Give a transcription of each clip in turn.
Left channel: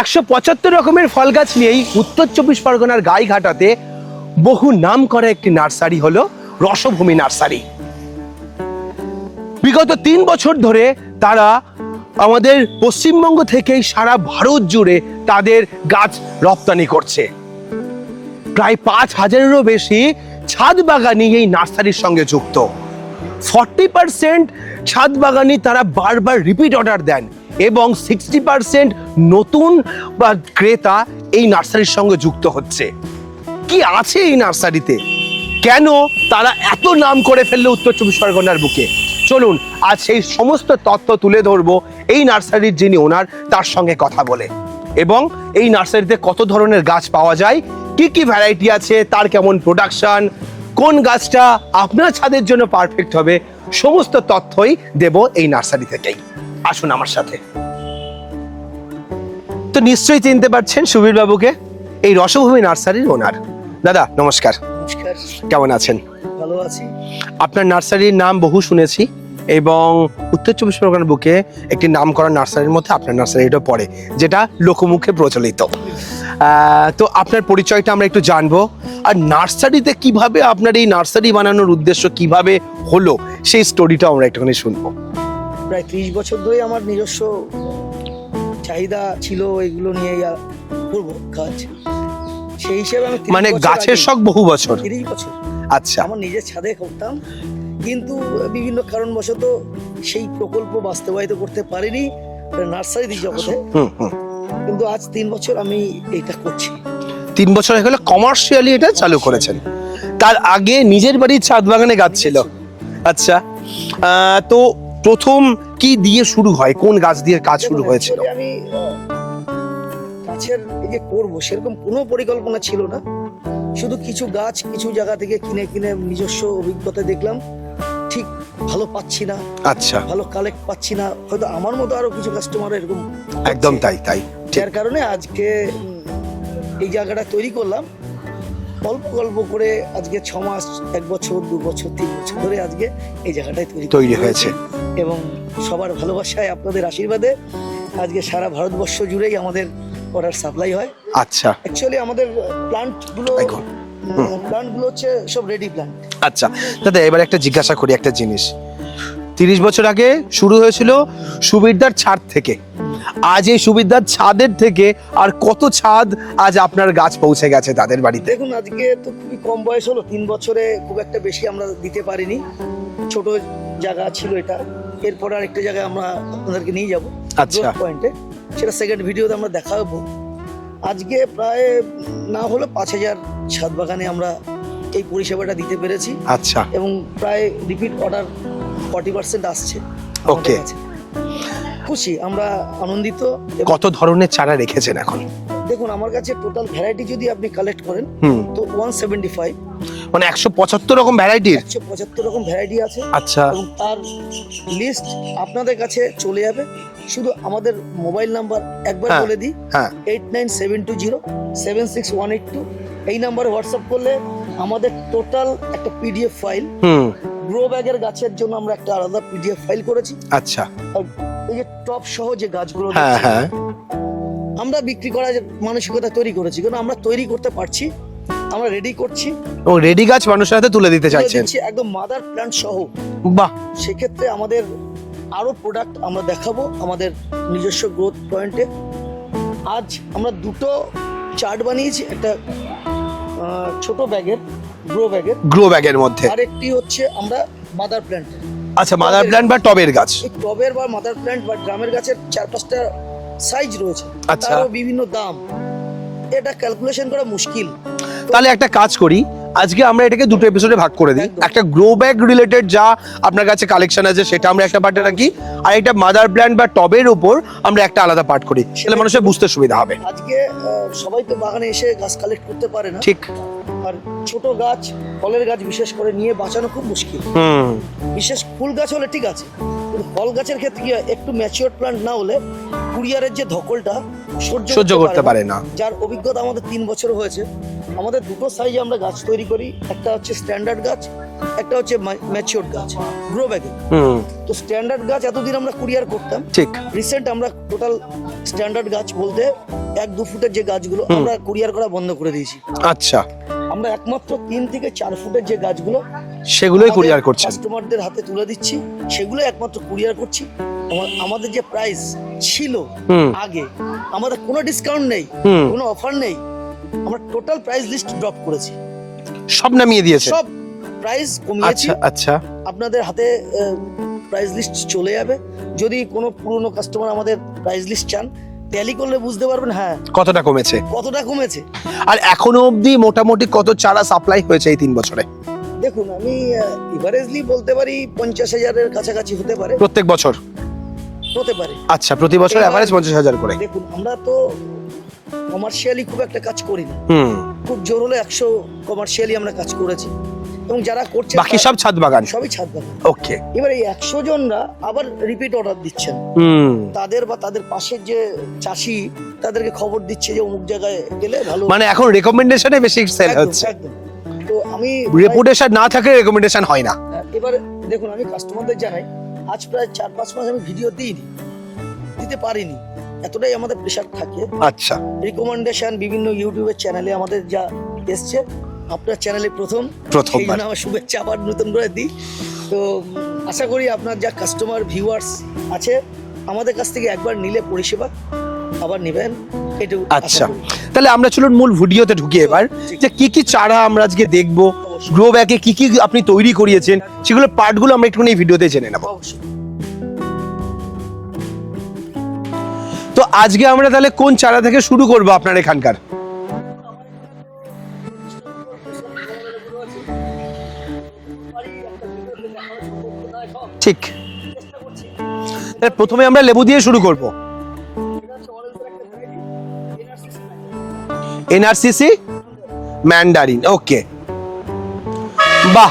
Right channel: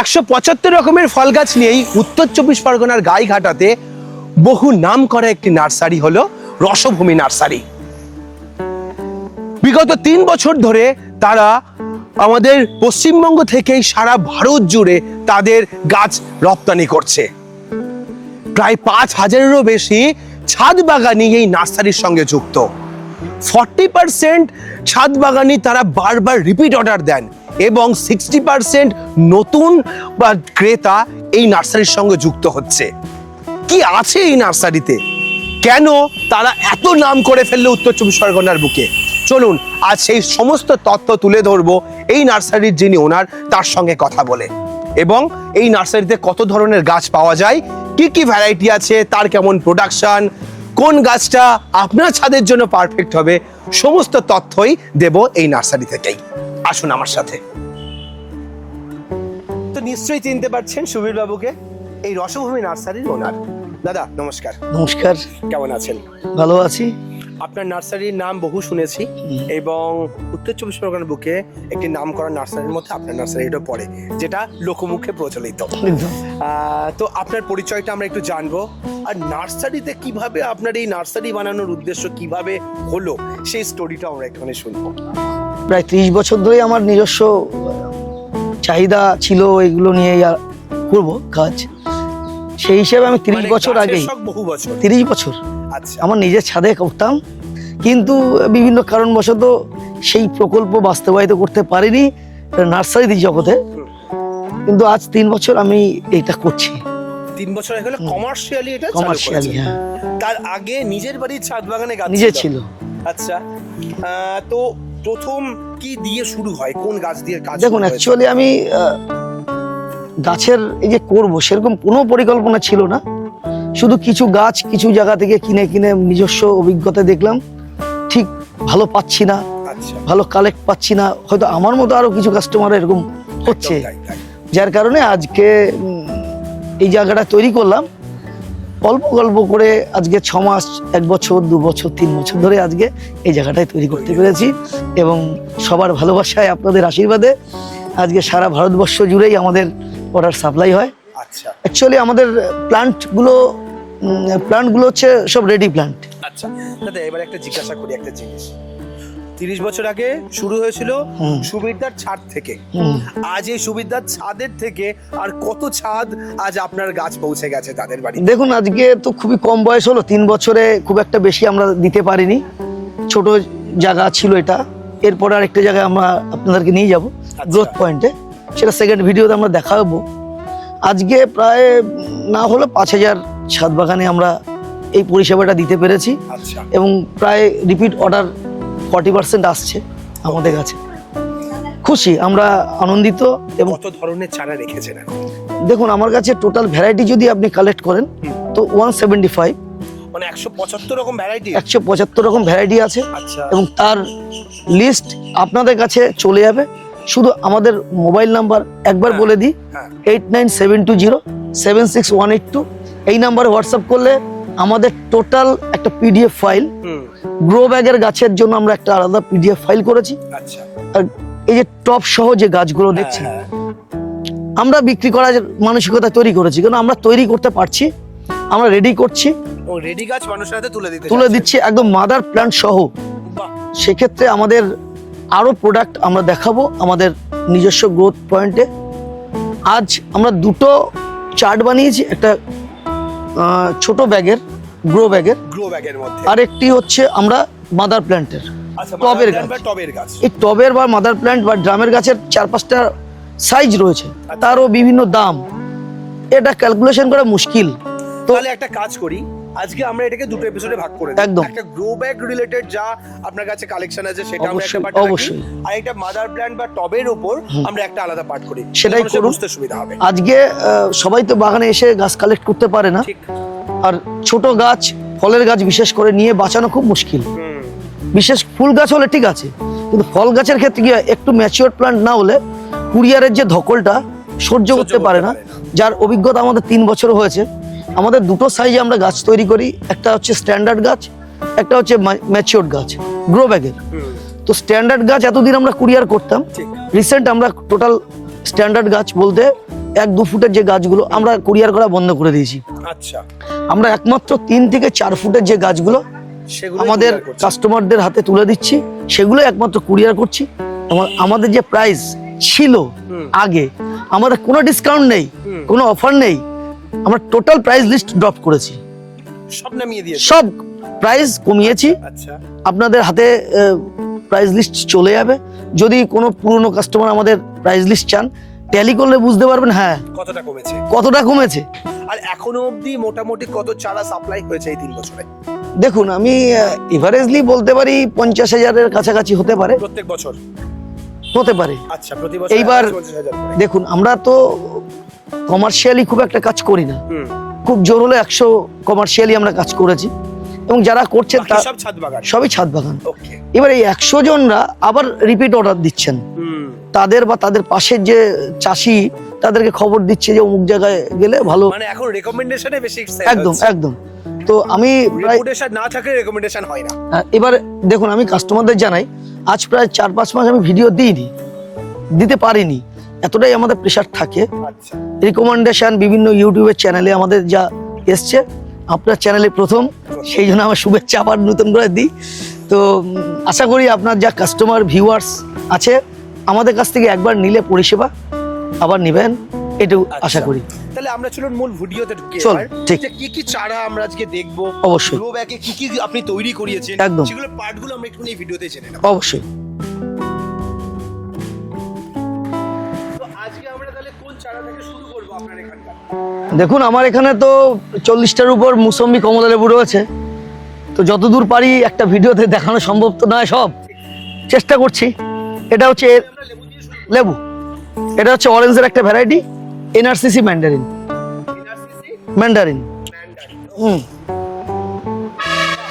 একশো পঁচাত্তর রকমের ফল গাছ নিয়েই উত্তর চব্বিশ পরগনার গাইঘাটাতে বহু নাম করা একটি নার্সারি হলো রসভূমি নার্সারি। বিগত তিন বছর ধরে তারা আমাদের পশ্চিমবঙ্গ থেকেই সারা ভারত জুড়ে তাদের গাছ রপ্তানি করছে। প্রায় পাঁচ হাজারেরও বেশি ছাদ বাগানি এই নার্সারির সঙ্গে যুক্ত। ফর্টি পার্সেন্ট ছাদ বাগানি তারা বারবার রিপিট অর্ডার দেন এবং সিক্সটি পার্সেন্ট নতুন বা ক্রেতা এই নার্সারির সঙ্গে যুক্ত হচ্ছে। কি আছে এই নার্সারিতে? কেন তারা এত নাম করে ফেলল উত্তর চব্বিশ পরগনার বুকে? চলুন, আজ সেই সমস্ত তত্ত্ব তুলে ধরবো এই নার্সারির যিনি ওনার, তার সঙ্গে কথা বলে। এবং এই নার্সারিতে কত ধরনের গাছ পাওয়া যায়, কি কি ভ্যারাইটি আছে, তার কেমন প্রোডাকশন কোন গাছটা আপনার ছাদের জন্য পারফেক্ট হবে, সমস্ত তথ্যই দেব এই নার্সারি থেকেই। আসুন আমার সাথে। তো নিশ্চয়ই চিনতে পারছেন সুবীর বাবুকে এই রসভূমি নার্সারির ওনার। দাদা নমস্কার। নমস্কার। কেমন আছেন? ভালো আছি। আপনার নার্সারির নাম বহু শুনেছি এবং উত্তর চব্বিশ পরগনার বুকে একটি নাম করা নার্সারির মধ্যে আপনার নার্সারিটা পড়ে যেটা লোকমুখে প্রচলিত। তো আপনার পরিচয়টা আমরা একটু জানব। আর নার্সারিতে কীভাবে আপনার এই নার্সারি বানানোর উদ্দেশ্য কীভাবে হলো সেই স্টোরিটা আমরা একটুখানি শুনব। প্রায় ত্রিশ বছর ধরে আমার নিজস্ব চাহিদা ছিল এগুলো নিয়ে করব কাজ। সেই হিসেবে আমি মানে গাছের শখ বহু বছর। তিরিশ বছর। আচ্ছা আমার নিজের ছাদে করতাম কিন্তু বিভিন্ন কারণবশত সেই প্রকল্প বাস্তবায়িত করতে পারিনি নার্সারি জগতে। হুম, হুম। কিন্তু আজ তিন বছর আমি এটা করছি। তিন বছর হয়ে গেলে কমার্শিয়ালি এটা চালু করেছেন। হ্যাঁ। তার আগে নিজের বাড়ির ছাদ বাগানে গাছ ছিল। আচ্ছা তো প্রথম কি দিয়ে শুরু হয়? কোন গাছ দিয়ে কাজ দেখুন অ্যাকচুয়ালি আমি গাছের এই যে করব সেরকম কোনো পরিকল্পনা ছিল না। শুধু কিছু গাছ কিছু জায়গা থেকে কিনে কিনে নিজস্ব অভিজ্ঞতা দেখলাম। ঠিক ভালো পাচ্ছি না। আচ্ছা। ভালো কালেক্ট পাচ্ছি না। হয়তো আমার মতো আরও কিছু কাস্টমার এরকম একদম তাই তাই। যার কারণে আজকে এই জায়গাটা তৈরি করলাম। অল্প গল্প করে আজকে ছ মাস এক বছর দু বছর তিন বছর ধরে আজকে এই জায়গাটায় তৈরি তৈরি তৈরি হয়েছি। এবং সবার ভালোবাসায় আপনাদের আশীর্বাদে আজকে সারা ভারতবর্ষ জুড়েই আমাদের অর্ডার সাপ্লাই হয়। আচ্ছা। অ্যাকচুয়ালি আমাদের প্লান্টগুলো প্লান্টগুলো হচ্ছে সব রেডি প্লান্ট আচ্ছা দাদা এবার একটা জিজ্ঞাসা করি একটা জিনিস। তিরিশ বছর আগে শুরু হয়েছিল। সুবিধার ছাদ থেকে। আজ এই সুবিধার ছাদের থেকে আর কত ছাদ আজ আপনার গাছ পৌঁছে গেছে তাদের বাড়ি দেখুন আজকে তো খুবই কম বয়স হলো। তিন বছরে খুব একটা বেশি আমরা দিতে পারিনি। ছোট জায়গা ছিল এটা। এরপরে আরেকটা জায়গায় আমরা আপনাদেরকে নিয়ে যাব আচ্ছা। গ্রোথ পয়েন্টে সেটা সেকেন্ড ভিডিওতে আমরা দেখাবো। আজকে প্রায় না হলে পাঁচ হাজার ছাদ বাগানে আমরা এই পরিষেবাটা দিতে পেরেছি। আচ্ছা। এবং প্রায় রিপিট অর্ডার ফর্টি পার্সেন্ট আসছে আমাদের. কাছে। খুশি আমরা আনন্দিত কত ধরনের চারা রেখেছেন এখন? দেখুন আমার কাছে টোটাল ভ্যারাইটি যদি আপনি কালেক্ট করেন তো ওয়ান সেভেন্টি ফাইভ মানে একশো পঁচাত্তর রকম ভ্যারাইটি একশো পঁচাত্তর রকম ভ্যারাইটি আছে। আচ্ছা। এবং তার লিস্ট আপনাদের কাছে চলে যাবে। শুধু আমাদের মোবাইল নাম্বার একবার হ্যাঁ। বলে দিই eight nine seven two zero seven six one eight two এই নাম্বারে হোয়াটসঅ্যাপ করলে আমাদের টোটাল একটা পিডিএফ ফাইল গ্রো ব্যাগের গাছের জন্য আমরা একটা আলাদা পিডিএফ ফাইল করেছি। আচ্ছা। এই যে টপ সহ যে গাছগুলো হ্যাঁ হ্যাঁ। আমরা বিক্রি করার মানসিকতা তৈরি করেছি কারণ আমরা তৈরি করতে পারছি আমরা রেডি করছি। এবং রেডি গাছ মানুষের হাতে তুলে দিতে তুলে দিচ্ছি একদম মাদার প্ল্যান্ট সহ। বাহ। সেক্ষেত্রে আমাদের আরও প্রোডাক্ট আমরা দেখাবো আমাদের নিজস্ব গ্রোথ পয়েন্টে আজ আমরা দুটো চার্ট বানিয়েছি একটা ছোট ব্যাগের গ্রো ব্যাগের। গ্রো ব্যাগের মধ্যে। আর একটি হচ্ছে আমরা মাদার প্ল্যান্টের আচ্ছা মাদার প্ল্যান্ট বা টবের গাছ। এই টবের বা মাদার প্ল্যান্ট বা ড্রামের গাছের চার পাঁচটা সাইজ রয়েছে। আচ্ছা। তারও বিভিন্ন দাম। এটা ক্যালকুলেশন করা মুশকিল। তাহলে একটা কাজ করি আজকে আমরা এটাকে দুটো এপিসোডে ভাগ করে দিই। একটা গ্রো ব্যাগ রিলেটেড যা আপনার কাছে কালেকশন আছে সেটা আমরা একটা পার্ট রাখি। আর একটা মাদার প্ল্যান্ট বা টবের উপর আমরা একটা আলাদা পার্ট করি। সেটা মানুষের বুঝতে সুবিধা হবে। আজকে সবাই তো বাগানে এসে গাছ কালেক্ট করতে পারে না। ঠিক। আর ছোট গাছ ফলের গাছ বিশেষ করে নিয়ে বাঁচানো খুব মুশকিল। হুম। বিশেষ ফুল গাছ হলে ঠিক আছে কিন্তু ফল গাছের ক্ষেত্রে কি একটু ম্যাচিওর প্লান্ট না হলে কুরিয়ারের যে ধকলটা সহ্য করতে পারে না। যার অভিজ্ঞতা আমাদের তিন বছর হয়েছে আমাদের দুটো সাইজে আমরা গাছ তৈরি করি। একটা হচ্ছে স্ট্যান্ডার্ড গাছ একটা হচ্ছে ম্যাচিওর গাছ গ্রো ব্যাগের হুম। তো স্ট্যান্ডার্ড গাছ এতদিন আমরা কুরিয়ার করতাম। ঠিক। রিসেন্ট আমরা টোটাল স্ট্যান্ডার্ড গাছ বলতে এক দু ফুটের যে গাছগুলো আমরা কুরিয়ার করা বন্ধ করে দিয়েছি। আচ্ছা। আমরা একমাত্র তিন থেকে চার ফুটের যে গাছগুলো সেগুলো আমাদের কাস্টমারদের হাতে তুলে দিচ্ছি সেগুলো একমাত্র কুরিয়ার করছি। আমাদের যে প্রাইস ছিল আগে আমাদের কোনো ডিসকাউন্ট নেই কোনো অফার নেই। আমরা টোটাল প্রাইস লিস্ট ড্রপ করেছি। সব নামিয়ে দিয়েছে? সব প্রাইস কমিয়েছি। আচ্ছা, আচ্ছা। আপনাদের হাতে প্রাইস লিস্ট চলে যাবে। যদি কোনো পুরনো কাস্টমার আমাদের প্রাইস লিস্ট চান ট্যালি করলে বুঝতে পারবেন হ্যাঁ। কতটা কমেছে? কতটা কমেছে? আর এখনও অবধি মোটামুটি কত চারা সাপ্লাই হয়েছে এই তিন বছরে? দেখুন আমি এভারেজলি বলতে পারি পঞ্চাশ হাজারের কাছাকাছি হতে পারে। প্রত্যেক বছর? হতে পারে। আচ্ছা প্রতি বছর পঞ্চাশ হাজার করে। দেখুন আমরা তো কমার্শিয়ালি খুব একটা কাজ করি না। খুব জোর হলে একশো কমার্শিয়ালি আমরা কাজ করেছি। এবং যারা করছে বাকি সব ছাদ বাগান? সবই ছাদ বাগান। ওকে এবার এই একশো জনরা আবার রিপিট অর্ডার দিচ্ছেন। তাদের বা তাদের পাশের যে চাষি তাদেরকে খবর দিচ্ছে যে অমুক জায়গায় গেলে ভালো। মানে এখন রেকমেন্ডেশনে বেশি একদম একদম। তো আমি রেপুটেশন না থাকলে রেকমেন্ডেশন হয় না। হ্যাঁ, এবার দেখুন আমি কাস্টমারদের জানাই আজ প্রায় চার পাঁচ মাস আমি ভিডিও দিইনি দিতে পারিনি। এতটাই আমাদের প্রেশার থাকে আচ্ছা রিকমেন্ডেশন বিভিন্ন ইউটিউবের চ্যানেলে আমাদের যা এসছে আপনার চ্যানেলে প্রথম। সেই জন্য আমার শুভেচ্ছা আবার নতুন করে দিই তো আশা করি আপনার যা কাস্টমার ভিউয়ার্স আছে আমাদের কাছ থেকে একবার নিলে পরিষেবা আবার নেবেন এটু আশা আচ্ছা করি তাহলে আমরা চলুন মূল ভিডিওতে ঢুকি এবার। যে কি কি চারা আমরা আজকে দেখব অবশ্যই। গ্রো ব্যাগে কি কি আপনি তৈরি করিয়েছেন। সেগুলো পার্টগুলো আমরা একটুখানি ভিডিওতে জেনে নেব অবশ্যই আজকে আমরা তাহলে কোন চারা থেকে শুরু করব আপনার এখানকার? দেখুন আমার এখানে তো চল্লিশটার উপর মুসম্বি কমলা লেবু রয়েছে। তো যতদূর পারি একটা ভিডিওতে দেখানো সম্ভব তো নয় সব। ঠিক। চেষ্টা করছি। এটা হচ্ছে আমরা লেবু দিয়ে শুরু করব। লেবু। এটা হচ্ছে অরেঞ্জের একটা variety NRCC mandarin. NRCC? Mandarin. Mandarin okay. বাহ।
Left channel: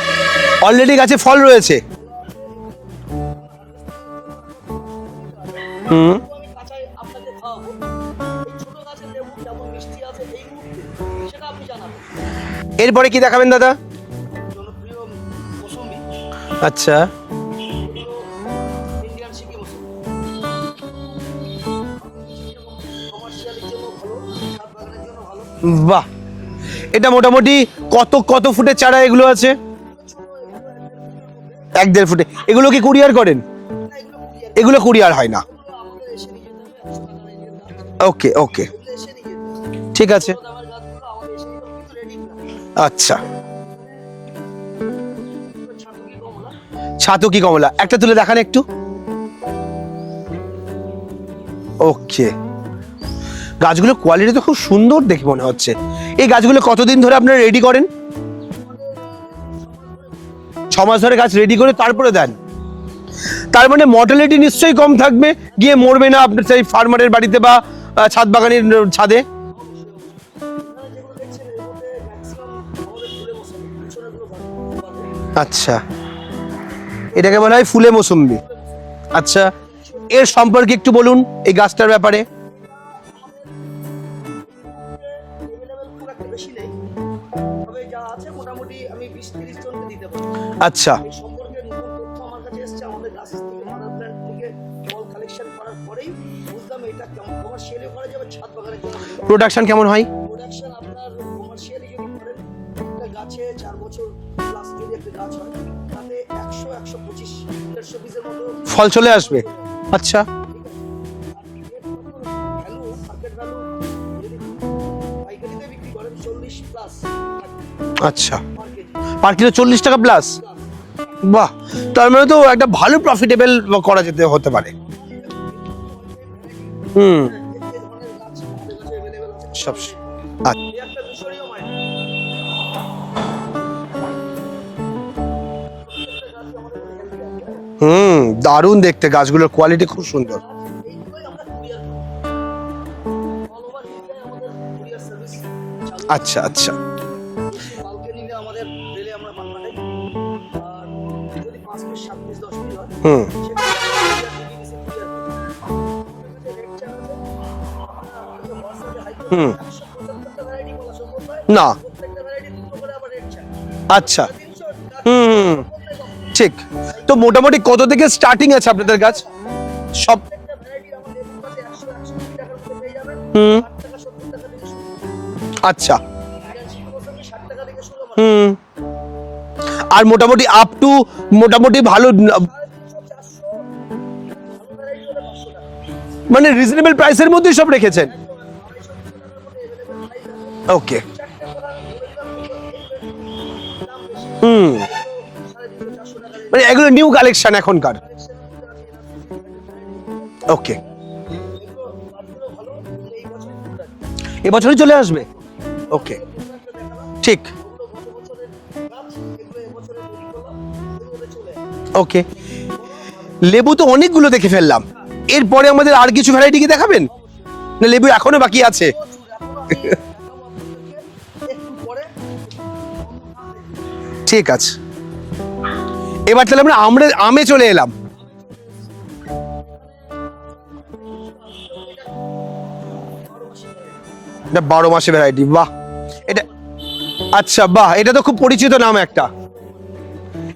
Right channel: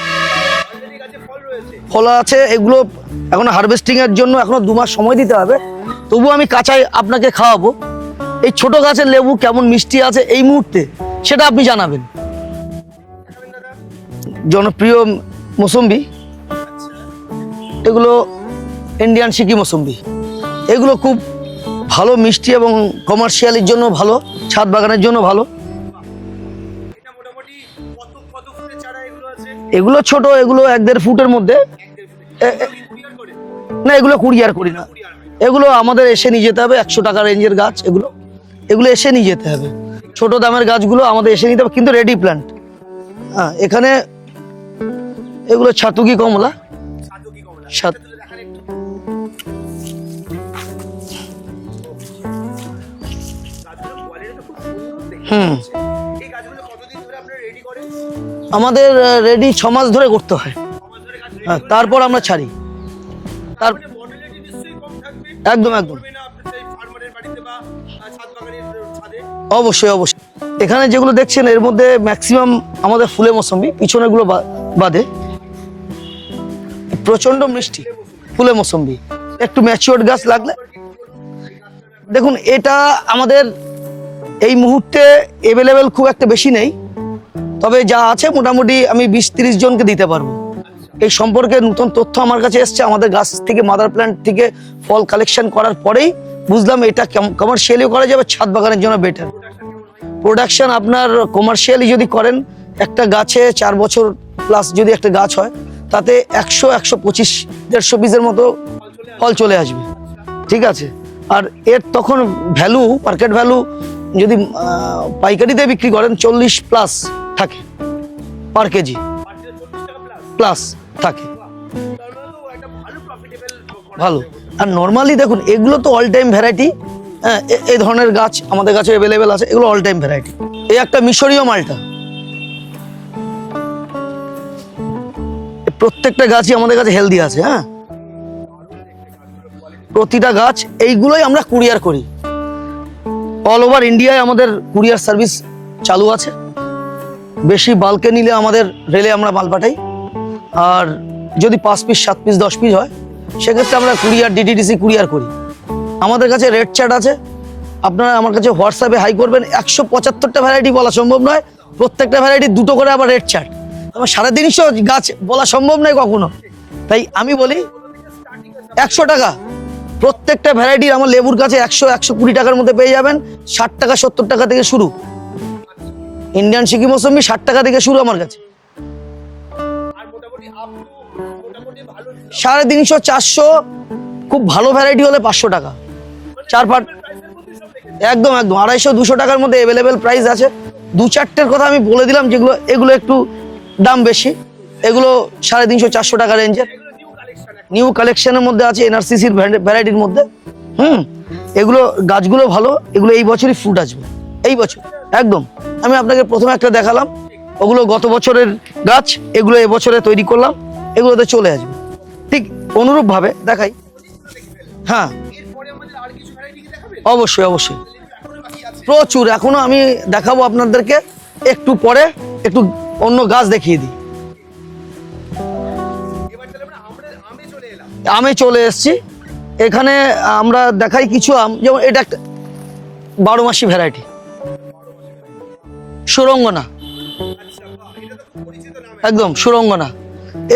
অলরেডি গাছে ফল রয়েছে। ফল আছে এগুলো এখন হারভেস্টিং এর জন্য এখনও দু মাস সময় দিতে হবে। তবু আমি কাঁচাই আপনাকে খাওয়াবো। এই ছোট গাছের লেবু কেমন মিষ্টি আছে এই মুহূর্তে সেটা আপনি জানাবেন। এরপরে কি দেখাবেন দাদা? জনপ্রিয় মৌসুম্বি। আচ্ছা। এগুলো ইন্ডিয়ান সিকি মৌসুম্বি। এগুলো খুব ভালো মিষ্টি এবং কমার্শিয়ালির জন্য ভালো ছাদ বাগানের জন্য ভালো। বাহ! এটা মোটামুটি কত কত ফুটের চারা এগুলো আছে? এগুলো ছোট এগুলো এক দেড় ফুটের মধ্যে। এক দেড় ফুটে। এগুলো কি কুরিয়ার করেন? না এগুলো কুরিয়ার এগুলো কুরিয়ার হয় না। এগুলো আমাদের এসে নিয়ে যেতে হবে একশো টাকা রেঞ্জের গাছ। এগুলো ওকে ওকে। এগুলো এসে নিয়ে যেতে হবে। ঠিক আছে। ছোট দামের গাছগুলো আমাদের এসে নিতে হবে কিন্তু রেডি প্ল্যান আচ্ছা। হ্যাঁ এখানে এগুলো ছাতুকি কমলা। ছাতু কি কমলা। একটা তুলে দেখান একটু। ওকে। গাছগুলো কোয়ালিটি তো খুব সুন্দর দেখে মনে হচ্ছে। এই গাছগুলো কতদিন ধরে আপনারা রেডি করেন? আমাদের রেডি ছ মাস ধরে করতে হয়। ছ মাস ধরে গাছ রেডি করে তারপর আমরা ছাড়ি। তার মানে মর্টালিটি নিশ্চয়ই কম থাকবে? গিয়ে মরবে না আপনার সেই ফার্মারের বাড়িতে বা ছাদ বাগানের ছাদে? অবশ্যই অবশ্যই। এখানে যেগুলো দেখছেন এর মধ্যে ম্যাক্সিমাম আমাদের ফুলে মৌসুমি পিছনেগুলো বাদে। আচ্ছা। এটাকে বলা হয় ফুলে মৌসুম্বি। ফুলে মৌসুমি আচ্ছা একটু ম্যাচিওর গাছ এর সম্পর্কে একটু বলুন এই গাছটার ব্যাপারে। দেখুন এটা আমাদের এই মুহূর্তে এভেলেবেল খুব একটা বেশি নেই। তবে যা আছে মোটামুটি আমি বিশ তিরিশ জনকে দিতে পারব। আচ্ছা। এই সম্পর্কে নতুন তথ্য আমার কাছে এসছে। আমাদের গাছ থেকে মাদার প্ল্যান্ট থেকে ফল কালেকশন করার পরেই বুঝলাম এটা কমার্শিয়ালিও করা যাবে ছাদ বাগানের জন্য বেটার প্রোডাকশন কেমন হয়? প্রোডাকশন আপনার কমার্শিয়ালি যদি করেন একটা গাছে চার বছর প্লাস যদি একটা গাছ হয় তাতে একশো একশো পঁচিশ দেড়শো পিসের মতো ফল চলে আসবে? ফল চলে আসবে। আচ্ছা। ঠিক আছে। আর এর তখন ভ্যালু মার্কেট ভ্যালু যদি পাইকারিতে বিক্রি করেন চল্লিশ প্লাস থাকে। আচ্ছা। পার কেজি পার কিলো চল্লিশ টাকা প্লাস প্লাস থাকে। বাহ! তার মানে তো একটা ভালো প্রফিটেবল করা। যেতে হতে আর পারে নর্মালি দেখুন এগুলো তো অল টাইম ভ্যারাইটি হুম। এই ধরনের গাছ আমাদের কাছে অ্যাভেলেবেল আছে এগুলো অল টাইম ভ্যারাইটি। এই একটা মিশরীয় মালটা। প্রত্যেকটা গাছই আমাদের কাছে হেলদি আছে হ্যাঁ? হুম দারুণ দেখতে গাছগুলোর কোয়ালিটি প্রতিটা গাছ এইগুলোই আমরা কুরিয়ার করি। অল ওভার ইন্ডিয়ায় আমাদের কুরিয়ার সার্ভিস চালু আছে। আচ্ছা আচ্ছা। বেশি বাল্কে নিলে আমাদের রেলে আমরা মাল পাঠাই। আর যদি পাঁচ পিস সাত পিস দশ পিস হয় সেক্ষেত্রে আমরা কুরিয়ার ডিটিডিসি কুরিয়ার করি। আমাদের কাছে রেড চার্ট আছে। আপনারা আমার কাছে হোয়াটসঅ্যাপে হাই করবেন। একশো পঁচাত্তরটা ভ্যারাইটি বলা সম্ভব নয়। না। প্রত্যেকটা ভ্যারাইটি দুটো করে আবার রেড চার্ট। সাড়ে তিনশো গাছ। বলা সম্ভব নয় কখনো। ঠিক। তাই তো মোটামুটি কত থেকে স্টার্টিং আছে আপনাদের টাকা। প্রত্যেকটা ভ্যারাইটির আমার লেবুর কাছে একশো একশো কুড়ি টাকার মধ্যে পেয়ে যাবেন। ষাট টাকা সত্তর টাকা থেকে শুরু। আচ্ছা। ইন্ডিয়ান সিকি মৌসুমি ষাট টাকা থেকে শুরু আমার কাছে আর মোটামুটি আপ টু মোটামুটি ভালো সাড়ে তিনশো চারশো খুব ভালো ভ্যারাইটি হলে পাঁচশো টাকা। মানে রিজনেবল প্রাইসের মধ্যে সব রেখেছে? একদম একদম। আড়াইশো দুশো টাকার মধ্যে অ্যাভেলেবেল প্রাইস আছে. দু চারটের কথা আমি বলে দিলাম যেগুলো এগুলো একটু দাম বেশি। হুম। এগুলো সাড়ে তিনশো চারশো টাকা রেঞ্জ মানে এগুলো নিউ কালেকশন এখন নিউ কালেকশনের মধ্যে আছে এনআরসিসির ভ্যারাইটির মধ্যে। ওকে হুম। এগুলো গাছগুলো ভালো এগুলো এই বছরই ফ্রুট আসবে। এই বছরই চলে আসবে? একদম। আমি আপনাকে প্রথমে একটা দেখালাম। ঠিক। ওগুলো গত বছরের গাছ এগুলো এবছরে তৈরি করলাম। এগুলোতে চলে আসবে। ওকে ঠিক অনুরূপ ভাবে লেবু তো অনেকগুলো দেখে ফেললাম। হ্যাঁ। এরপরে আমাদের আর কিছু ভ্যারাইটি কি দেখাবেন? অবশ্যই অবশ্যই। লেবু এখনও বাকি আছে? প্রচুর। এখনও আমি দেখাবো আপনাদেরকে। একটু পরে একটু অন্য গাছ দেখিয়ে দিই। ঠিক আছে। এবার তাহলে আমরা আমরা আমে চলে এলাম। আমে চলে এসেছি। এখানে আমরা দেখাই কিছু আম যেমন এটা একটা বারো মাসি ভ্যারাইটি এটা বারো মাসে ভ্যারাইটি বাহ। সুরঙ্গনা। আচ্ছা বাহ এটা তো খুব পরিচিত নাম একদম সুরঙ্গনা।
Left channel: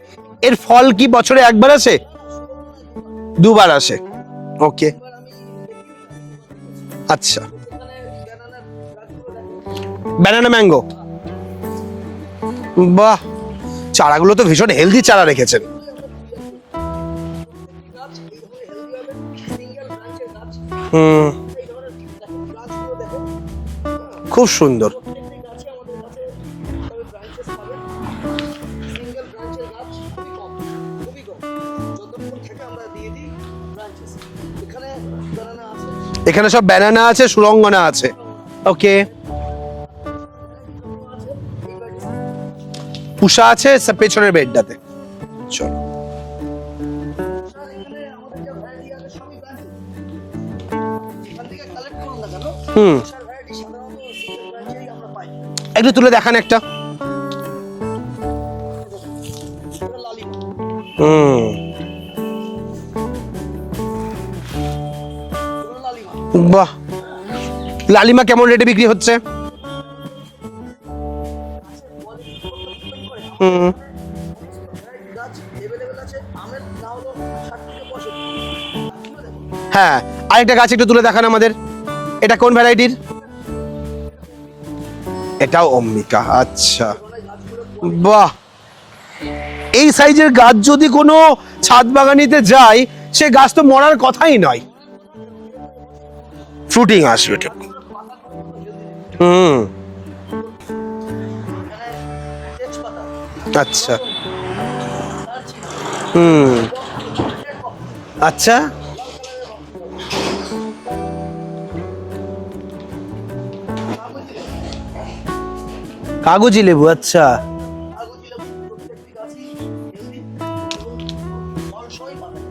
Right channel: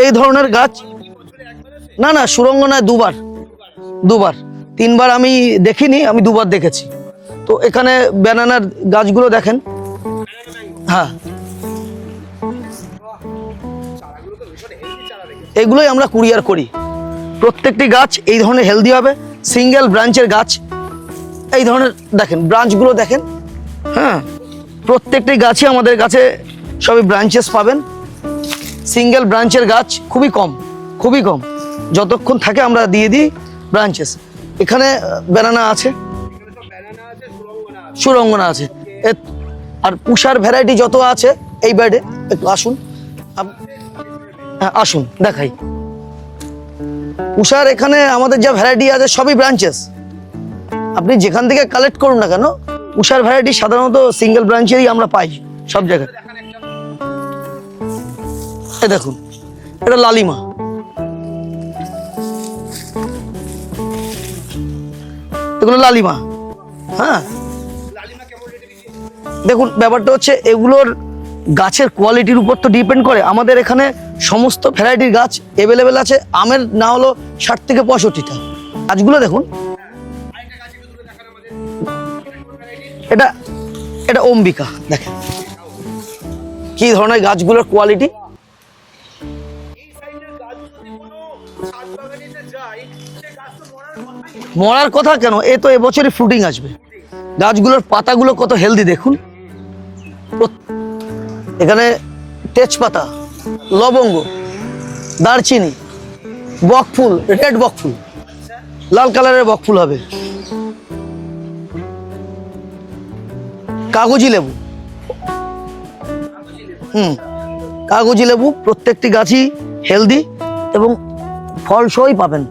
এই ধরনের গাছ ফল কি বছরে একবার আসে? না না সুরঙ্গনায় দুবার। দুবার আসে। দুবার. তিনবার আমি দেখিনি আমি দুবার দেখেছি। আচ্ছা। তো এখানে ব্যানানার গাছগুলো দেখেন। ব্যানানা ম্যাঙ্গো হ্যাঁ। বাহ চারাগুলো তো ভীষণ হেলদি চারা রেখেছে। এগুলোই আমরা কুরিয়ার করি। প্রত্যেকটি গাছ এই ধরনের হেলদি হবে। সিঙ্গেল ব্রাঞ্চের গাছ। এই ধরনের দেখেন ব্রাঞ্চগুলো দেখেন। হ্যাঁ। খুব সুন্দর। প্রত্যেকটি গাছই আমাদের কাছে সবই ব্রাঞ্চেস পাবেন। সিঙ্গেল ব্রাঞ্চের গাছ খুবই কম খুবই কম। যতক্ষণ থাকে আমরা দিয়ে দিই ব্রাঞ্চেস এখানে বেনানা আছে। এখানে সব ব্যানানা আছে সুরঙ্গনা আছে। সুরঙ্গনা আছে। Okay. আর পুষার ভ্যারাইটি যত আছে এই বেডে একটু আসুন। পুষা আছে পেছনের বেডটা হ্যাঁ, আসুন দেখাই। চল উষার এখানে আমাদের যা ভ্যারাইটি আছে সবই ব্রাঞ্চেস আপনি যেখান থেকে কালেক্ট করুন না কেন। উষার ভ্যারাইটি সাধারণত সিঙ্গেল ব্রাঞ্চেরই আমরা পাই। সব তুলে দেখান একটা। দেখুন এটা লালিমা। এগুলো লালিমা। বাহ। হ্যাঁ লালিমা কেমন রেটে বিক্রি হচ্ছে? দেখুন ব্যাপারটা হচ্ছে এগুলোর গাছের কোয়ালিটির উপর তো ডিপেন্ড করে। আমাদের এখানে সমস্ত ভ্যারাইটির গাছ অ্যাভেলেবেল আছে। আমের না হলো ষাট থেকে পঁয়ষট্টিটা। গাছগুলো দেখুন। হ্যাঁ আরেকটা গাছ একটু তুলে দেখান আমাদের। এটা কোন ভ্যারাইটির এটা এটা অম্বিকা দেখেন। এটাও অম্বিকা আচ্ছা। কি ধরনের গাছগুলোর কোয়ালিটি বাহ! এই সাইজের গাছ যদি কোনো ছাদ বাগানিতে যায় সে গাছ তো মরার কথাই নয়। মরার কথা কেন? এ তো এবছরই ফ্রুটিং আসবে। ফ্রুটিং আসবে। গাছগুলোর পাতাগুলো কত হেলদি দেখুন। এখানে তেজপাতা আচ্ছা। লবঙ্গ দারচিনি বকফুল রেড বকফুল। আচ্ছা। লাল কালারের বকফুল হবে। কাগজি লেবু। কাগজি লেবু আচ্ছা। কাগজি লেবু প্রত্যেকটি গাছই হেলদি এবং ফল সহই পাবেন।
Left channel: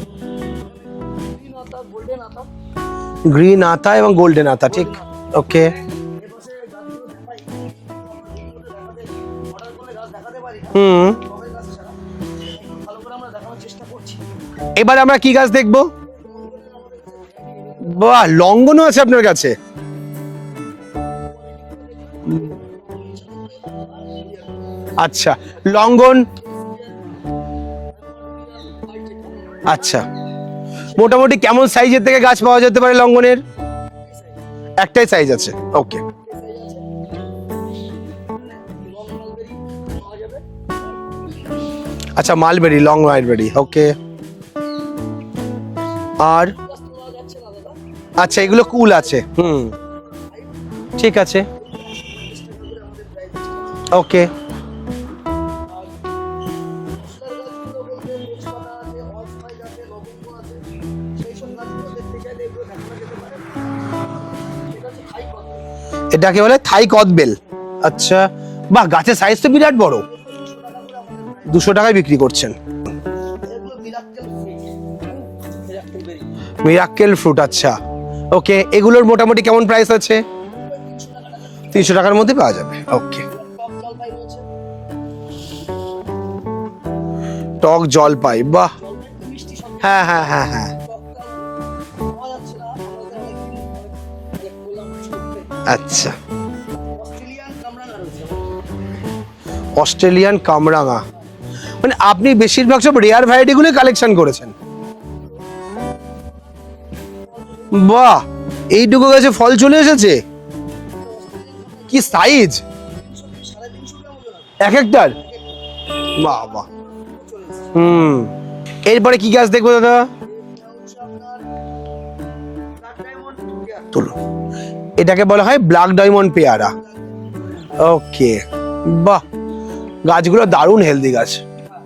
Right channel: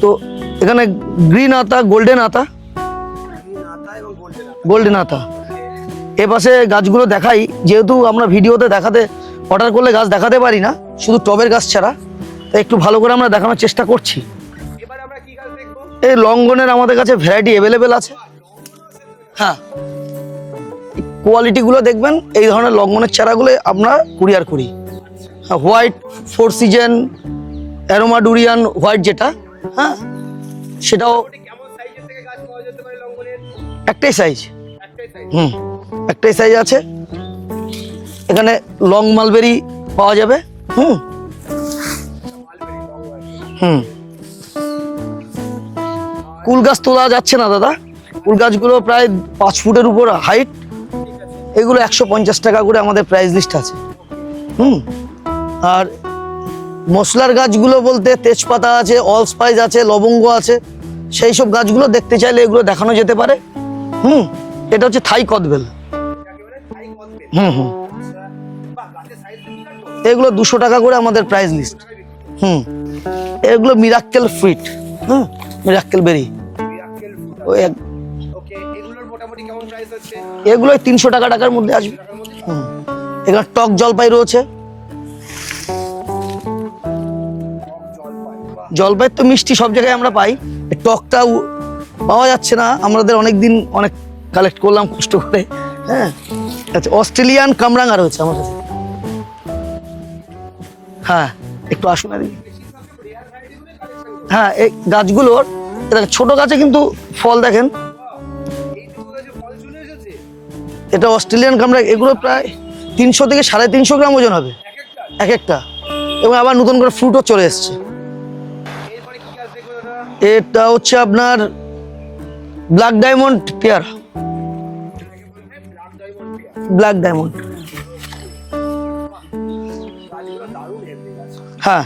তো এখানে গ্রিন আতা গোল্ডেন আতা? গ্রিন আতা এবং গোল্ডেন আতা গোল্ডেন আতা। ওকে। এ পাশে গাছগুলো দেখাই যেহেতু আমরা ভিডিওতে দেখাতে অর্ডার করলে গাছ দেখাতে পারি না শুধু টবের গাছ ছাড়া। একটু ভালো করে আমরা দেখানোর চেষ্টা করছি। এবারে আমরা কি গাছ দেখব? এই লঙ্গনের আমাদের কাছে ভ্যারাইটি অ্যাভেলেবেল আছে। বাহ লঙ্ঘনও আছে আপনার কাছে? হ্যাঁ। কোয়ালিটি গুলো দেখবেন এই ধরনের লঙ্গনের চারাগুলো আমরা কুরিয়ার করি। আচ্ছা লঙ্ঘন ফোর সিজন অ্যারোমাডুরিয়ান হোয়াইট যেটা আচ্ছা। সেটা মোটামুটি কেমন সাইজের থেকে গাছ পাওয়া যেতে পারে লঙ্ঘনের একটাই সাইজ একটাই সাইজ আছে। ওকে একটাই সাইজ আছে। এখানে লং মালবেরি পাওয়া যাবে। হুম। আচ্ছা মালবেরি লং মালবেরি ওকে আর কুল গাছ তোলা যাচ্ছে না দাদা। আচ্ছা, এগুলো কুল আছে। পাঁচ হুম। ফুটের উপর হাইট ঠিক আছে। এগুলো একশো পঞ্চাশ টাকা করে আমাদের প্রাইস লিস্ট আছে। ওকে হুম। আর মশলার গাছগুলো বলতে তেজপাতা আছে অল স্পাইস আছে লবঙ্গ আছে সেই সব গাছগুলো দেখতে চাইলে এগুলো দেখানো যেতে পারে। হুম এটা হচ্ছে থাই কদবেল। এটাকে বলে থাই কদবেল? হুম, হুম। আচ্ছা বাহ গাছের সাইজ তো বিরাট বড়। এগুলো দুশো টাকা করে আমাদের প্রাইস দুশো টাকায় বিক্রি করছে। হুম এগুলো মিরাক্কেল ফ্রুট হুম মিরাক্কেল বেরি মিরাক্কেল ফ্রুট আচ্ছা। ওকে এগুলোর মোটামুটি কেমন প্রাইস আছে? এগুলো তিনশো টাকা টাকার মধ্যে। তিনশো টাকার মধ্যে পাওয়া যাবে। ওকে এগুলো টক জলপাই রয়েছে। টক জলপাই বাহ। জলপাই তো মিষ্টি সব জায়গায় আমরা হ্যাঁ, পাই। হ্যাঁ, হ্যাঁ। টকটা পাওয়া যাচ্ছে না। আমাদের অনেক দিন অনেক কালেক্ট করলাম কষ্ট করে। আচ্ছা। হ্যাঁ। আচ্ছা অস্ট্রেলিয়ান কামরাঙা রয়েছে আমাদের। অস্ট্রেলিয়ান কামরাঙা। হ্যাঁ। একটু মানে। আপনি বেশিরভাগ সব রেয়ার ভ্যারাইটি গুলো কালেকশন করেছেন। হ্যাঁ এই গাছগুলোর ছোট গাছে কিন্তু ফল দেখেন। বাহ এইটুকু গাছে ফল চলে এসেছে? এটা অস্ট্রেলিয়ান এগুলো size? তিনশো থেকে সাড়ে তিনশো গ্রাম ওজন হবে। এক একটার? এক একটা। এবং আবার নতুন করে ফ্রুটও চলে এসছে। এরপরে কি গাছ দেখব দাদা? এটা হচ্ছে আপনার ব্ল্যাক ডায়মন্ড পেয়ার তুলো। এটাকে বলা হয় ব্ল্যাক ডায়মন্ড পেয়ারা। ব্ল্যাক ডায়মন্ড ওকে বাহ। গাছগুলো দারুণ হেলদি গাছ। হ্যাঁ।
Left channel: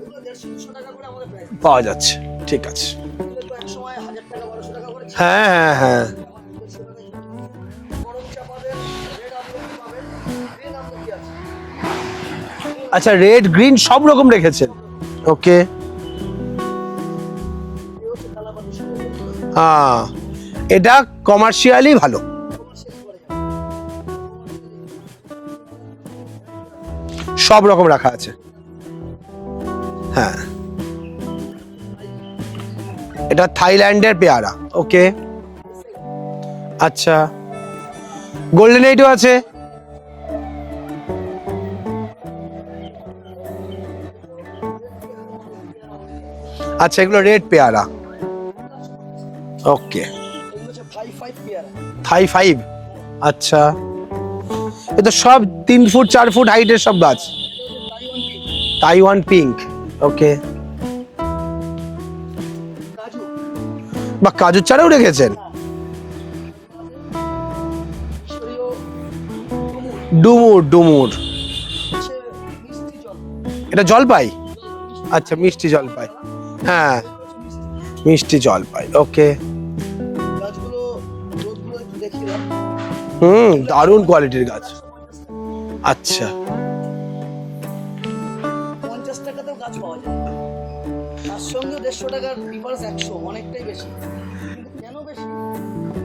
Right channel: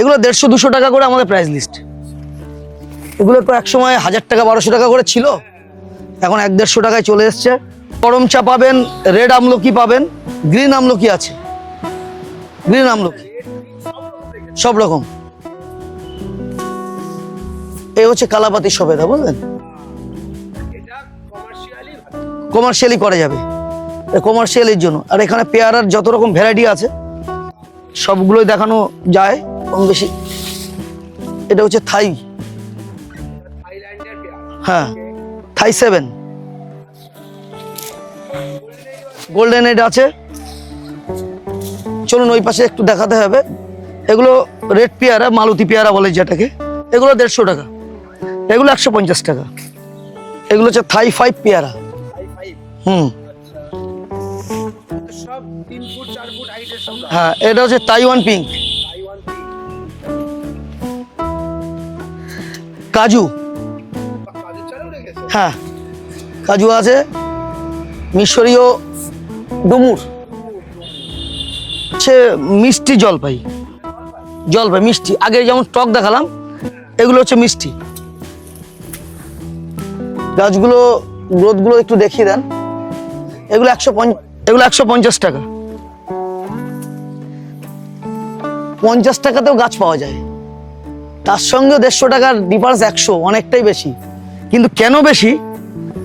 এগুলো দেড়শো দুশো টাকা করে আমাদের প্রাইস লিস্ট পাওয়া যাচ্ছে। ঠিক আছে। এগুলো তো এক সময় হাজার টাকা বারোশো টাকা করে ছিল। হ্যাঁ হ্যাঁ হ্যাঁ। এখন এক দেড়শো টাকায় চলে এসছে। গরম চা পাবেন রেড আমলকি পাবেন গ্রিন আমলকি আছে। আচ্ছা আচ্ছা রেড গ্রিন সব রকম রেখেছে। সব রকম। ওকে এই হচ্ছে কালাপাতি সবেদা বুঝলেন? এটা কমার্শিয়ালি ভালো। কমার্শিয়ালি করা যাবে। কমার্শিয়ালের জন্য। আর এখানে পেয়ারার যত রকম ভ্যারাইটি আছে সব রকম রাখা। সবগুলোই দেখানো যায় কম বেশি। হ্যাঁ। এটা হচ্ছে থাই। এটা থাইল্যান্ডের পেয়ারা। হ্যাঁ। ওকে থাই সেভেন। আচ্ছা। গোল্ডেন এইটও আছে? গোল্ডেন এড আছে। চলুন ওই পাশে একটু দেখাতে হবে। এগুলো রেড পেয়ারা মালতী পেয়ারা বলে যেটাকে। আচ্ছা এগুলো রেড 150 টাকা। পেয়ারা। এগুলো একশো পঞ্চাশ টাকা। ওকে। এগুলো হচ্ছে থাই ফাইভ পেয়ারা। Thai five? হুম। আচ্ছা। এ তো সব তিন ফুট চার ফুট হাইটের সব গাছ? হ্যাঁ এটা হচ্ছে Taiwan pink. Taiwan pink okay. কাজু। বা কাজুর চারাও রেখেছেন? হ্যাঁ। কাজু আছে মিশরীয় ডুমুর। ডুমুর ডুমুর। হচ্ছে মিষ্টি জলপাই। এটা জলপাই? জলপাই মিষ্টি। আচ্ছা, আগে যেমন টক দেখালাম হ্যাঁ। এগুলো হচ্ছে মিষ্টি। মিষ্টি জলপাই ওকে। গাছগুলো গ্রোথগুলো একটু দেখিয়ে দেন। হুম এগুলো একশো কোয়ালিটির এগুলো একশো পঞ্চাশ টাকা। আচ্ছা। পঞ্চাশ টাকাতেও গাছ পাওয়া যায়। তার সঙ্গে দেড়শো টাকার ডিফারেন্স একশো অনেকটাই বেশি। কিন্তু কেন বেশি?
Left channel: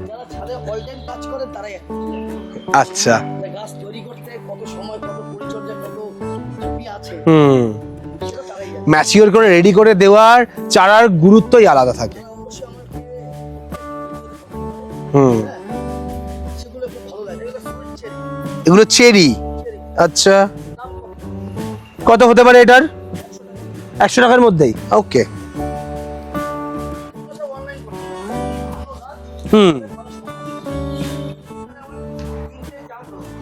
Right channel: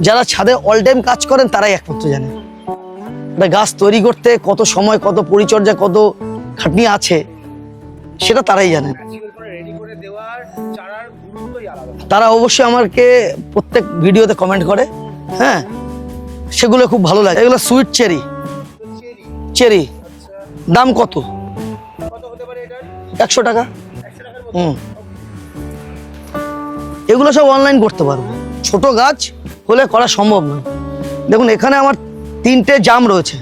যারা ছাদে অল টাইম কাজ করেন তারাই একমাত্র জানে। আচ্ছা। গাছ তৈরি করতে কত সময় কত পরিচর্যা কত খাটনি আছে হুম। সেটা তারাই জানে। ম্যাচিওর করে রেডি করে দেওয়ার চারার গুরুত্বই আলাদা থাকে। তারা অবশ্যই আমাকে প্রত্যেক ভিডিওতে কমেন্ট করে। হ্যাঁ সেগুলো খুব ভালো লাগে। এগুলো সুইট চেরি এগুলো চেরি চেরি আচ্ছা। দাম কত? কত হতে পারে এটার? একশো টাকা। একশো টাকার মধ্যে? ওকে। এগুলো সব অনলাইন করতে পারো। ছোট গাছ। বলে করা সম্ভব না দেখুন এখানে আমার তিনটে জাম রয়েছে।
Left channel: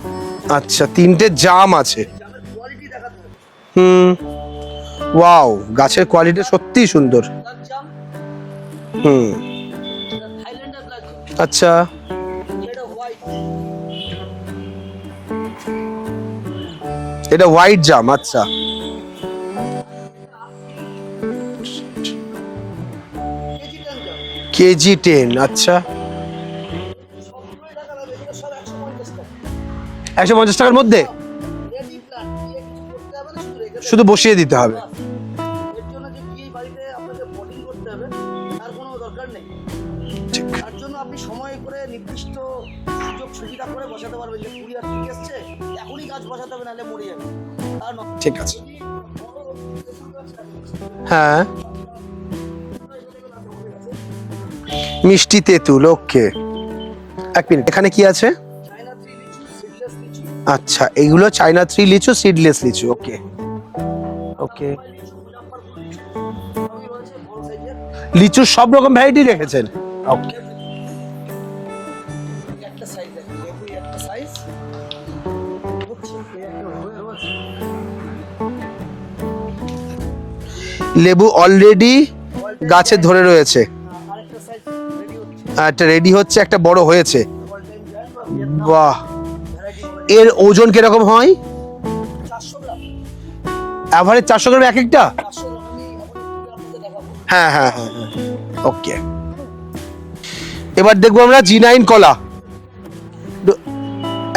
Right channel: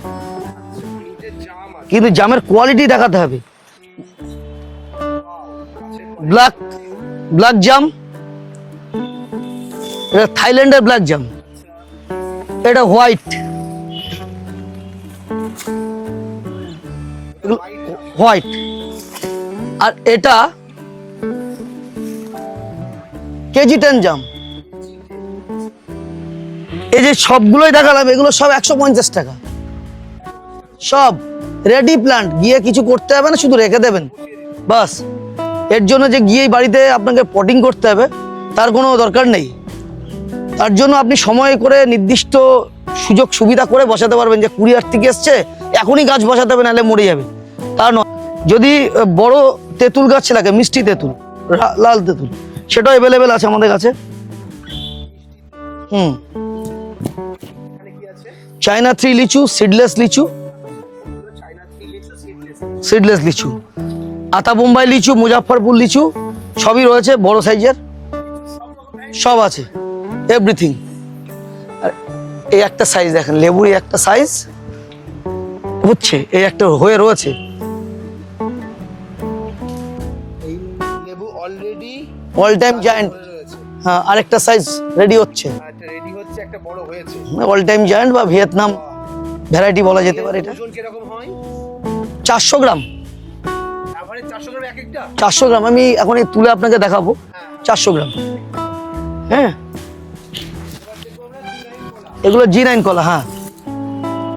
আচ্ছা তিনটে জাম আছে। কিন্তু জামের কোয়ালিটি দেখাতে হবে। হুম। ওয়াও গাছের কোয়ালিটি সত্যি সুন্দর। ব্ল্যাক জাম হুম। এটা থাইল্যান্ডের ব্ল্যাক জাম আচ্ছা। এটা হোয়াইট এটা হোয়াইট জাম আচ্ছা। হোয়াইট আর এটা কেজি টেন জাম কেজি টেন আচ্ছা। এই যে সবগুলোই দেখালাম এগুলো সব একশো পঞ্চাশ টাকা। একশো পঞ্চাশ টাকার মধ্যে? সব রেডি প্ল্যান্ট গিয়ে কিছু করতে হবে না শুধু রেখে দেবে। শুধু বসিয়ে দিতে হবে। বাস। এর জন্য যে গিয়ে বাড়িতে আপনাকে পটিং করতে হবে তার কোনো দরকার নেই। তার জন্য আপনি সময় করে নির্দিষ্ট সুযোগ সুবিধা করে বসাতে পারবেন যে কুরিয়ার থেকে এসছে এখনই গাছ বসাতে হবে নাহলে মরে যাবে। তার নয়। যদি বড় তেঁতুল গাছ লাগে মিষ্টি তেঁতুল হ্যাঁ। লাল তেঁতুল সেটাও অ্যাভেলেবেল আছে আমাদের কাছে। মিষ্টি তেঁতুল ওকে এক মিনিট এখানে কি আছে? চায়না থ্রি লিচু সিডলেস লিচু। আচ্ছা এগুলো চাইনা থ্রি লিচু সিডলেস লিচু। সিডলেস লিচু। আতা বোম্বাই লিচু মুজাফরপুর লিচু সবই রয়েছে বড় সাইজের। লিচুর সব রকম ভ্যারাইটি সব আছে। এভরিথিং এই একটা সাইজ দেখেন লেবুর একটা সাইজ হচ্ছে এই একটা হয়ে রয়েছে। লেবু অলরেডি অল টাইম গাছে ধরে রয়েছে। হ্যাঁ আরেকটা সাইজ রেডি হচ্ছে। আর একটা রেডি হচ্ছে একটা বড় হয়েছে। অল টাইম জায়ান্ট বা ভিয়েতনাম বাহ। ভ্যারাইটি বলা যায় এর ওজন কীরকম হয়? চারশো গ্রাম। অ্যাভারেজ চারশো গ্রাম এক একটা? চারশো গ্রাম। আমি এখন এই তুলে আপনাকে দেখাবো। হ্যাঁ হ্যাঁ। চারশো গ্রাম। ওকে হ্যাঁ। এবার দেখব আমরা জি নাইন কলা। এগুলো জি নাইন কলা হ্যাঁ।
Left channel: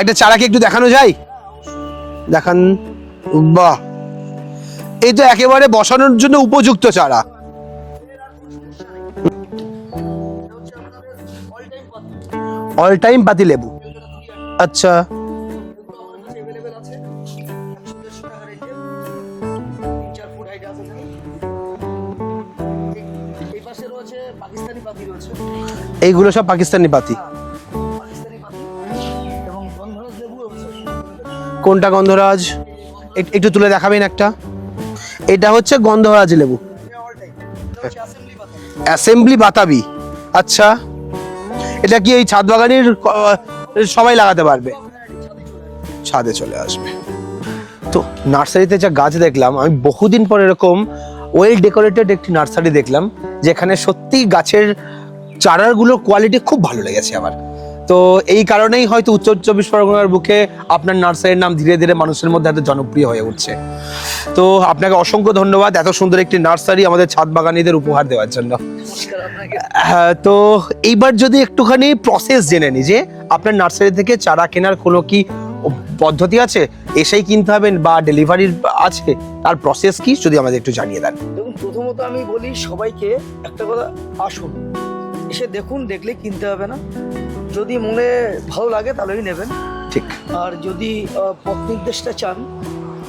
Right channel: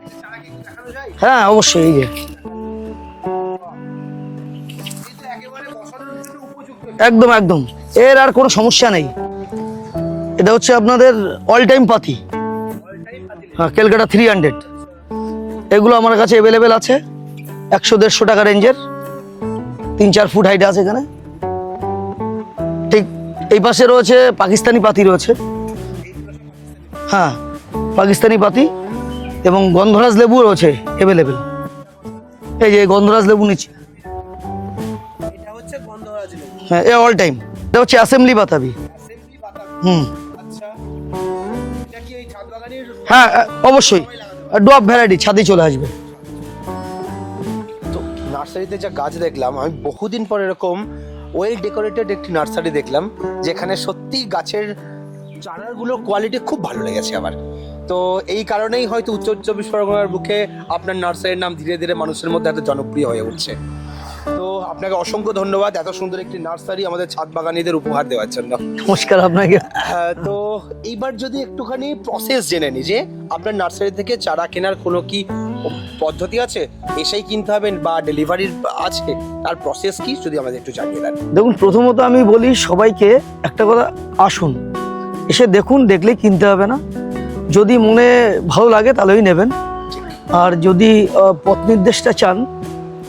একটা চারাকে একটু দেখানো যায়? হ্যাঁ অবশ্যই এই যে। দেখান। বাহ। এই তো একেবারে বসানোর জন্য উপযুক্ত চারা। একদম একদম। এর আর কোনো সমস্যা নেই। এটা হচ্ছে আপনাদের অল টাইম পাতি। অল টাইম পাতিলে ক্যালকাটা থ্রি হান্ড্রেড আচ্ছা। এগুলো আমার কাছে অ্যাভেলেবেল আছে। একশো দেড়শো টাকা রেঞ্জের। তিন চার ফুট হাইট আছে এখানে। ঠিক এই পাশে রয়েছে পাকিস্তানি পাতি রয়েছে। এইগুলো সব পাকিস্তানি পাতি। হ্যাঁ পাকিস্তানি পাতি এবং গন্ধরাজ লেবু রয়েছে অ্যাভেলেবেল কোনটা গন্ধরাজ? এই যে গন্ধরাজ লেবু তুলে দেখাবেন একটা। এটা হচ্ছে গন্ধরাজ লেবু। হ্যাঁ এ অল টাইম এটা হচ্ছে অ্যাসেম্বলি বাতাবি। অ্যাসেম্বলি বাতাবি? আচ্ছা। এটা কি এই ছাদ বাগানের হ্যাঁ, অবশ্যই। সবাই লাগাতে পারে ড্রপ ভ্যারাইটি ছাদে চলে আসবে। ছাদে চলে আসবে। তো নার্সারিতে যা গাছ দেখলাম আমি বহুদিন পর এরকম ওয়েল ডেকোরেটেড একটি নার্সারি দেখলাম যেখানে সত্যি গাছের চারাগুলোর কোয়ালিটি খুব ভালো লেগেছে আমার। তো এই কারণেই হয়তো উত্তর চব্বিশ পরগনার বুকে আপনার নার্সারির নাম ধীরে ধীরে মানুষের মধ্যে এত জনপ্রিয় হয়ে উঠছে। তো আপনাকে অসংখ্য ধন্যবাদ এত সুন্দর একটি নার্সারি আমাদের ছাদ বাগানীদের উপহার দেওয়ার জন্য। নমস্কার আপনাকে। হ্যাঁ, তো এইবার যদি একটুখানি প্রসেস জেনে নি যে আপনার নার্সারি থেকে চারা কেনার কোনো কি পদ্ধতি আছে? এসেই কিনতে হবে বা ডেলিভারির আছে? তার প্রসেস কি? যদি আমাদের একটু জানিয়ে দেন। দেখুন প্রথমত আমি বলি সবাইকে একটা কথা আসুন। এসে দেখুন দেখলে কিনতে হবে না। যদি মনে ভালো লাগে তাহলেই নেবেন। ঠিক। আর যদি পথ নির্দেশটা চান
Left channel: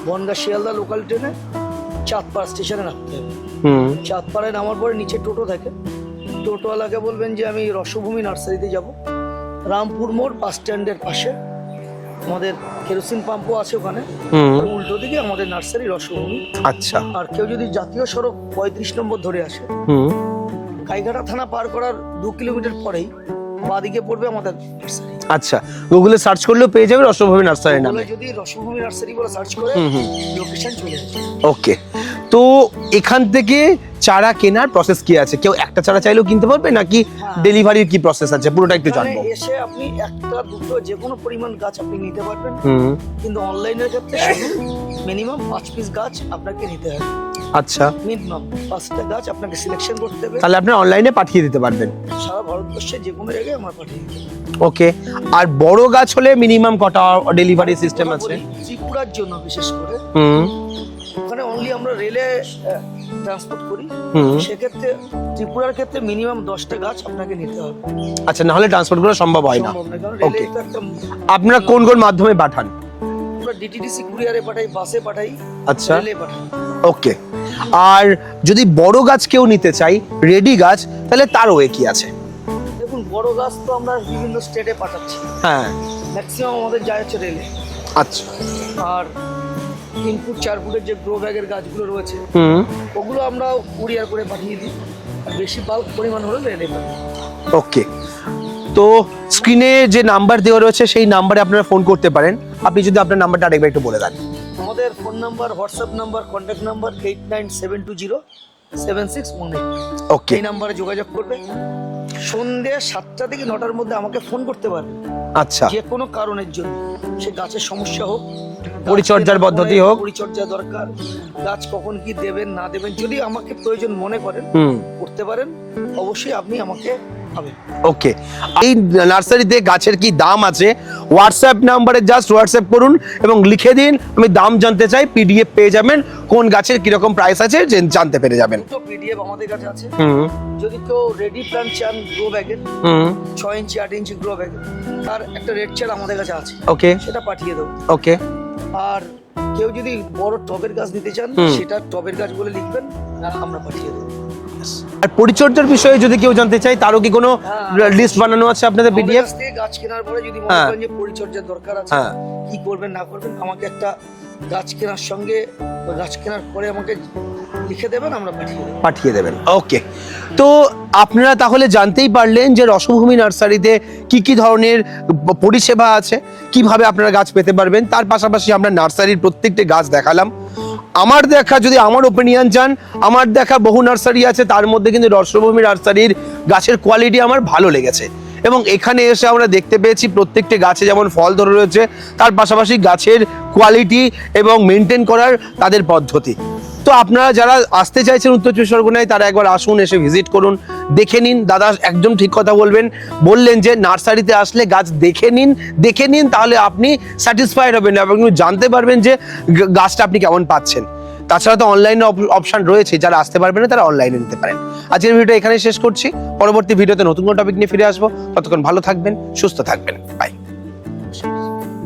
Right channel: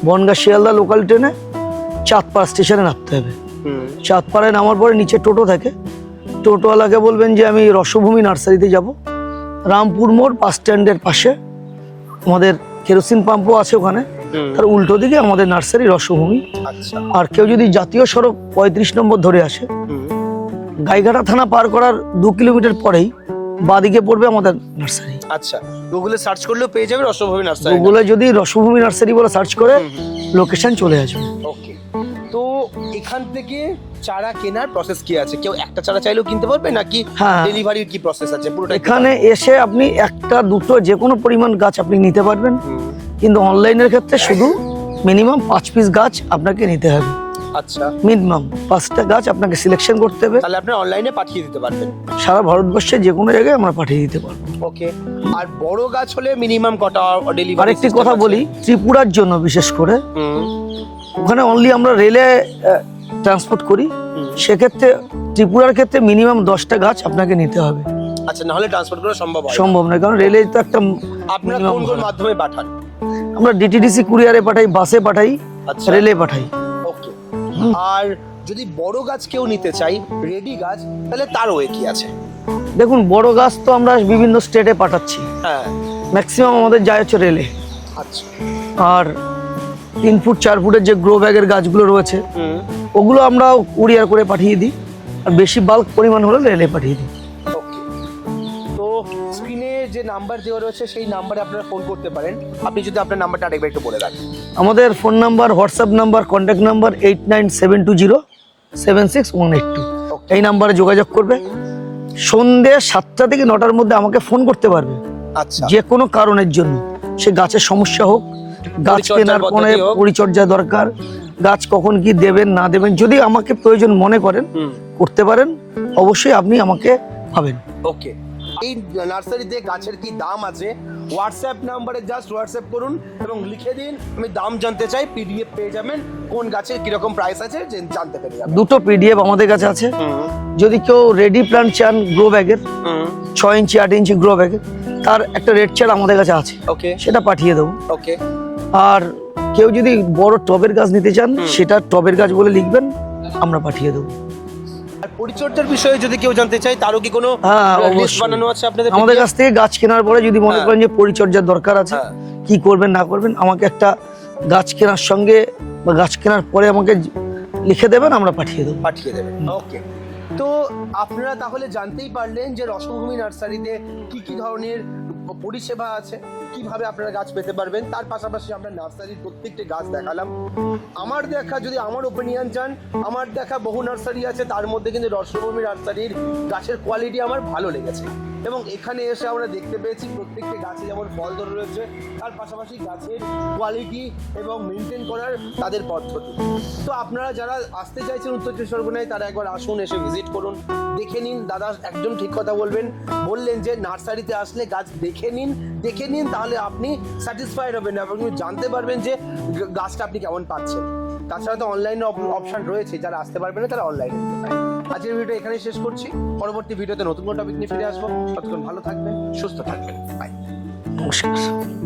বনগা শিয়ালদা লোকাল ট্রেনে চাঁদপাড়া স্টেশনে নামতে হবে। হুম। চাঁদপাড়ায় নামার পরে নিচে টোটো থাকে। টোটোওয়ালাকে বলবেন যে আমি রসভূমি নার্সারিতে যাব। রামপুর মোড় বাস স্ট্যান্ডের পাশে। আমাদের কেরোসিন পাম্পও আছে ওখানে। আর উল্টো দিকে আমাদের নার্সারি রসভূমি। আচ্ছা। আর কেউ যদি জাতীয় সড়ক পঁয়ত্রিশ নম্বর ধরে আসে হুম। গাইঘাটা থানা পার করার দু কিলোমিটার পরেই বাদিকে পড়বে আমাদের নার্সারি আচ্ছা গুগলে সার্চ করলেও পেয়ে যাবে রসভূমি নার্সারি গুগলে যদি রসভূমি নার্সারি বলে সার্চ করে লোকেশন চলে আসবে। ওকে তো এখান থেকে চারা কেনার প্রসেস কি আছে? কেউ একটা চারা চাইলেও কিনতে পারবে নাকি হ্যাঁ। ডেলিভারির কি প্রসেস আছে? পুরোটা এখানে এসে আপনি একটা দুটো যে কোনো পরিমাণ গাছ আপনি নিতে পারবেন। কিন্তু অনলাইনের ক্ষেত্রে শুধু মিনিমাম পাঁচ পিস গাছ আপনাকে নিতে হবে। আচ্ছা। মিনিমাম পাঁচটা গাছ আপনাকে সিলেকশন করতে হবে। তাহলে আপনি অনলাইনে পাঠিয়ে দিতে পারবেন। সারা ভারতবর্ষে যে কোনো জায়গায় আমরা পাঠিয়ে দিতে পারব। ওকে। আর বড় গাছ হলে মিনিমাম কটা ডেলিভারি আরেকটি কথা বলি ত্রিপুরার জন্য বিশেষ করে ওখানে অনলি আমরা রেলে ট্রান্সপোর্ট করি। সেক্ষেত্রে ত্রিপুরার ক্ষেত্রে মিনিমাম দশটা গাছ আপনাকে নিতে হবে। আচ্ছা না হলে ট্রান্সপোর্ট করা সম্ভব হয় না। সম্ভব নয় কারণ রেলে তো একটা আপনারা কোন কোন মাধ্যমে পাঠান? আমরা ডিটিডিসি কুরিয়ারে পাঠাই বাসে পাঠাই আচ্ছা। রেলে পাঠাই। ওকে আর যদি বড় গাছ কেউ নিতে চাই রেডি গাছ তাহলে তার ওয়ে কি আছে? দেখুন বড় গাছ তো আমরা বিভিন্ন স্টেটে পাঠাচ্ছি। হ্যাঁ। ম্যাক্সিমাম আমাদের যায় হচ্ছে রেলে আচ্ছা। আর তিন ফুট চার ফুটের যে গ্রো ব্যাগের গাছগুলো রয়েছে ওগুলো আমরা কুরিয়ার করে পাঠিয়ে দিই। আর বেশি বাল্ক পরিমাণ হলে রেলে পাঠিয়ে দিই। ওকে তো স্ক্রিনে যে নাম্বার দেওয়া রয়েছে সেই নাম্বারে আপনারা ফোন করতে পারেন। আপনি যদি আপনার নাম্বারটা আরেকবার একটু বলে দেন। আমাদের phone number WhatsApp number contact number eight nine seven two zero seven six one eight two Okay. এই নাম্বারে যোগাযোগ করবে। সন্ধে সাতটা থেকে নটার মধ্যে আমাকে ফোন করতে পারবে। আচ্ছা। যে কোনো কারণের জন্য। সে গাছের সমস্যা হোক। পরিচর্যা দরকার। গাছ কখন কি দেবেন না দেবেন যদি আমাকে প্রয়োজন মনে করেন করতে পারেন অবশ্যই আপনি আমাকে পাবেন ওকে এই নার্সারিতে গাছের কি দাম আছে? হোয়াটসঅ্যাপ নাম্বারে জাস্ট হোয়াটসঅ্যাপ করুন এবং লিখে দিন। আমি দাম জানতে চাই পিডিএফ পেয়ে যাবেন। কোন গাছের কীরকম প্রাইস আছে জানতে পেরে যাবেন। দুটো পিডিএফ আমাদের কাছে আছে। যদি কেউ রেডি প্ল্যান্ট চান গ্রো ব্যাগের ছয় ইঞ্চি আট ইঞ্চি গ্রো ব্যাগের তার একটা রেড চার আমাদের কাছে আছে। ওকে সেটা পাঠিয়ে দেবো। ওকে আর কেউ যদি বড় টবের গাছ নিতে চান সেটা টবের গাছ বলে লিখবেন আমরা পাঠিয়ে দেবো। আর পরিচর্যার বিষয়ে যদি কেউ জানতে চায় তারও কি কোনো হ্যাঁ, লিস্ট বানানো আছে আপনাদের আমাদের কাছ থেকে গাছ কেনার পরে যদি মনে হ্যাঁ। করেন যে পরিচর্যার দরকার আছে হ্যাঁ। কি করবেন না করবেন আমাকে একটা গাছ কেনার সঙ্গে বা গাছ কেনার পরে আমাকে লিখে দেবেন আমরা পাঠিয়ে দেবো। পাঠিয়ে দেবেন। ওকে তো আপনারা তাহলে জানতেই পারলেন যে রসভূমি নার্সারিতে কি কি ধরনের পরিষেবা আছে, কীভাবে আপনারা গাছ পেতে পারবেন, তার পাশাপাশি আমরা নার্সারির প্রত্যেকটি গাছ দেখালাম। আমার দেখা যদি আমার ওপিনিয়ন যান আমার দেখা বহু নার্সারি আছে, তার মধ্যে কিন্তু রসভূমি নার্সারির গাছের কোয়ালিটি আমার ভালো লেগেছে। এবং এখানে এসে আমরা দেখতে পেয়েছি প্রত্যেকটি গাছে যেমন ফল ধরে রয়েছে, তার পাশাপাশি গাছের কোয়ালিটি এবং মেনটেন করার তাদের পদ্ধতি। তো আপনারা যারা আসতে চাইছেন উত্তর চব্বিশ পরগনায়, তারা একবার আসুন, এসে ভিজিট করুন, দেখে নিন। দাদা একদম ঠিক কথা বলবেন। বললেন যে, নার্সারিতে আসলে গাছ দেখে নিন দেখে নিন, তাহলে আপনি স্যাটিসফাইড হবেন এবং জানতে পারবেন যে গাছটা আপনি কেমন পাচ্ছেন। তাছাড়া তো অনলাইনে অপশন রয়েছে, যারা আসতে পারবে না, তারা অনলাইনে নিতে পারেন। আজকের ভিডিও এখানে শেষ করছি। পরবর্তী ভিডিওতে নতুন কোনো টপিক নিয়ে ফিরে আসব। ততক্ষণ ভালো থাকবেন, সুস্থ থাকবেন। বাই নমস্কার।